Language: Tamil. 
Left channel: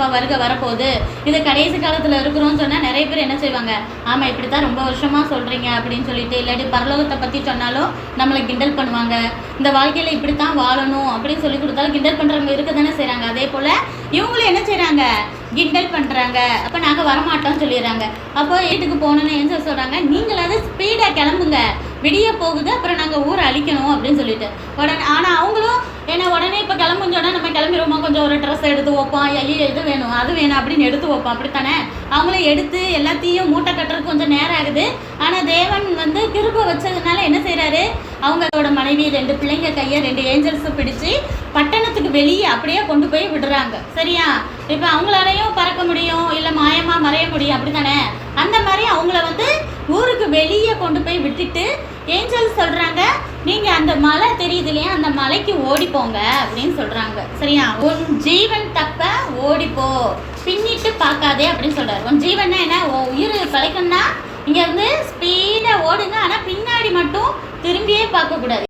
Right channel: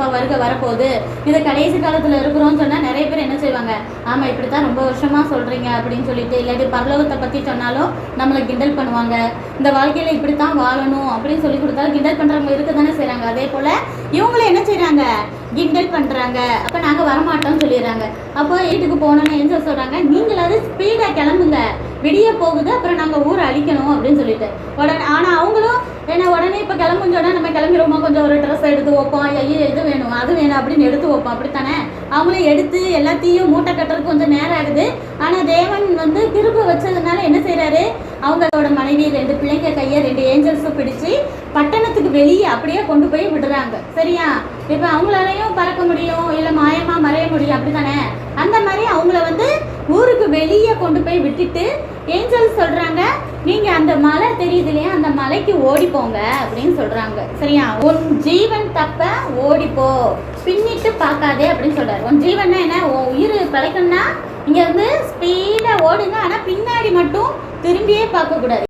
ஏசப்பா வருகை வரப்போகுது, இது கடைசி காலத்தில் இருக்கிறோம்னு சொன்னால் நிறைய பேர் என்ன செய்வாங்க, ஆமாம் இப்படி தான் ரொம்ப வருஷமாக சொல்கிறீங்க அப்படின்னு சொல்லிட்டு, இல்லாட்டி பரலோகத்தை பற்றி சொன்னாலும் நம்மளை கிண்டல் பண்ணுவாங்க. இந்த வாழ்க்கையில் இப்படி தான் வாழணும் அப்படின்னு சொல்லி கொடுத்தாலும் கிண்டல் பண்ணுறவங்க இருக்க தானே செய்கிறாங்க. அதே போல் இவங்களும் என்ன செய்கிறாங்க, கிண்டல் பண்ணுறாங்க. அப்போ நாங்கள் வரமாட்டோம்னு சொல்லிடுறாங்க. அப்போ வீட்டுக்கு போகணுன்னு ஏஞ்சல் சொல்கிறாங்க, நீங்களாவது ஸ்பீடாக கிளம்புங்க, விடிய போகுது, அப்புறம் நாங்கள் ஊரை அழிக்கணும் அப்படின்னு சொல்லிட்டு. உடனே ஆனால் அவங்களும் ஏன்னா உடனே இப்போ கிளம்புஞ்ச உடனே நம்ம கிளம்பிடுவோமா, கொஞ்சம் ஒரு ட்ரெஸ் எடுத்து வைப்போம், ஐயோ எது வேணும் அது வேணும் அப்படின்னு எடுத்து வைப்போம், அப்படித்தானே. அவங்களும் எடுத்து எல்லாத்தையும் மூட்டை கட்டுறதுக்கு கொஞ்சம் நேரம் ஆகுது. ஆனால் தேவன் வந்து கிருபை வச்சதுனால என்ன செய்கிறாரு, அவங்களோட மனைவி 2 பிள்ளைங்க கையை 2 ஏஞ்சல்ஸை பிடிச்சி பட்டணத்துக்கு வெளியே அப்படியே கொண்டு போய் விடுறாங்க. சரியா, இப்போ அவங்களாலையும் பறக்க முடியும், இல்லை மாயமாக மறைய முடியும், அப்படி தானே. அந்த மாதிரி அவங்கள வந்து ஊருக்கு வெளியே கொண்டு போய் விட்டுட்டு ஏஞ்சல்ஸ் சொல்கிறாங்க, நீங்கள் அந்த மலை தெரியுது இல்லையா, அந்த மலைக்கு ஓடிப்போங்க அப்படின்னு சொல்கிறாங்க. சரியா, உன் ஜீவன் தப்ப ஓடிப்போ, பின்னிட்டு பார்க்காதே அப்படின்னு சொல்கிறார். உன் ஜீவன்னா என்ன, உயிர் கலைக்கணும்னா இங்கேருந்து ஸ்பீடாக ஓடுங்க, ஆனால் பின்னாடி மட்டும் திரும்பியே பார்க்கக்கூடாது.